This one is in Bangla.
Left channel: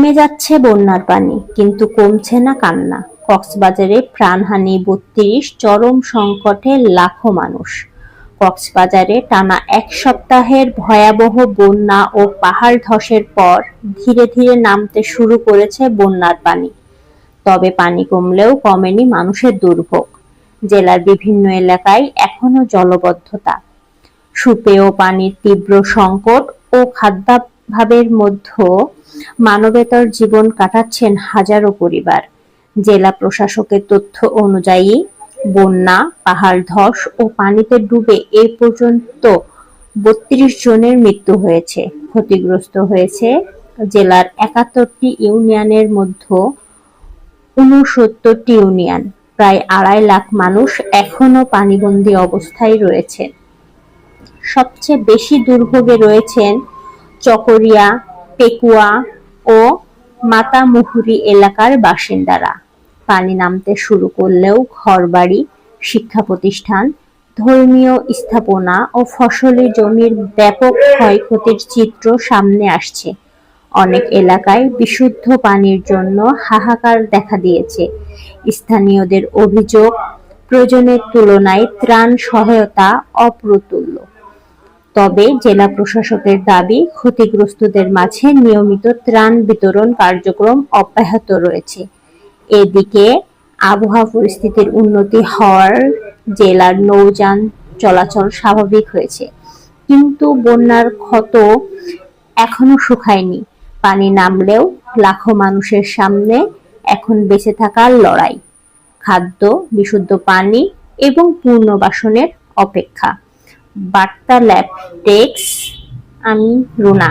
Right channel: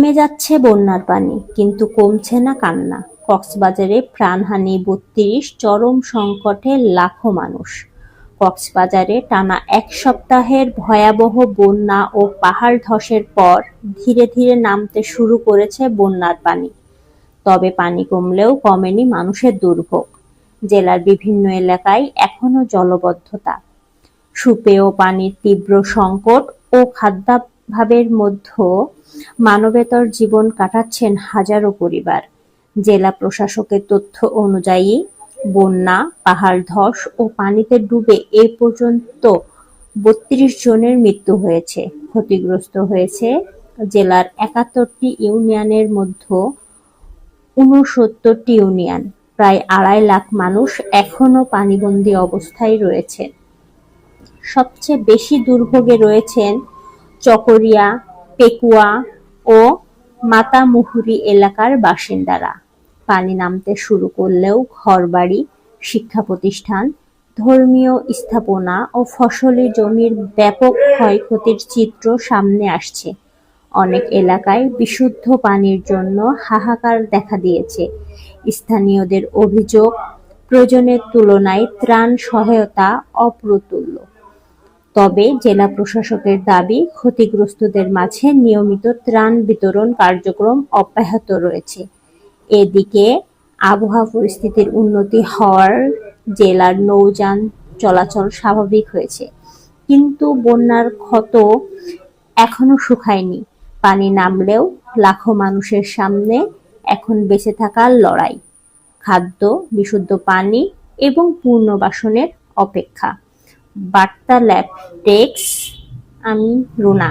নেমে যাচ্ছে বন্যার পানি, কিন্তু কমছে না কান্না। কক্সবাজারে প্রাণহানি ৩২, চরম সংকটে লাখো মানুষ। কক্সবাজারে টানা এক সপ্তাহের ভয়াবহ বন্যা ও পাহাড় ধসের পর ধীরে ধীরে নামতে শুরু করেছে বন্যার পানি। তবে পানি কমলেও কমেনি মানুষের দুর্ভোগ। জেলার বিভিন্ন এলাকায় এখনো জলাবদ্ধতা, সুপেয় পানির তীব্র সংকট ও খাদ্যাভাবের মধ্যে মানবেতর জীবন কাটাচ্ছেন হাজারো পরিবার। জেলা প্রশাসকের তথ্য অনুযায়ী, বন্যা, পাহাড় ধস ও পানিতে ডুবে এ পর্যন্ত ৩২ জনের মৃত্যু হয়েছে। ক্ষতিগ্রস্ত হয়েছে জেলার ৭১টি ইউনিয়নের মধ্যে ৬৯টি ইউনিয়ন। প্রায় ২.৫ লাখ মানুষ এখনো পানিবন্দী অবস্থায় রয়েছে। সবচেয়ে বেশি দুর্ভোগে রয়েছেন চকরিয়া, পেকুয়া ও মাতামুহুরী এলাকার বাসিন্দারা। পানি নামতে শুরু করলেও ঘরবাড়ি, শিক্ষা প্রতিষ্ঠান, ধর্মীয় স্থাপনা ও ফসলি জমির ব্যাপক ক্ষয়ক্ষতির চিত্র সামনে আসছে। অনেক এলাকায় বিশুদ্ধ পানির জন্য হাহাকার দেখা দিয়েছে। স্থানীয়দের অভিযোগ, প্রয়োজনের তুলনায় ত্রাণ সহায়তা অপ্রতুল। তবে জেলা প্রশাসকের দাবি, ক্ষতিগ্রস্তদের মাঝে নিয়মিত ত্রাণ বিতরণ কার্যক্রম অব্যাহত রয়েছে। এদিকে আবহাওয়া পরিস্থিতির উন্নতি হওয়ায় জেলার নৌযান চলাচল স্বাভাবিক হয়েছে, কিন্তু বন্যার ক্ষত এখনো শুকায়নি। পানি নামলেও লাখো মানুষের সামনে এখন বেঁচে থাকার লড়াই, খাদ্য, বিশুদ্ধ পানি এবং পুনর্বাসনের অপেক্ষা। বার্তা ল্যাব ডেস্ক, আমি রুনা।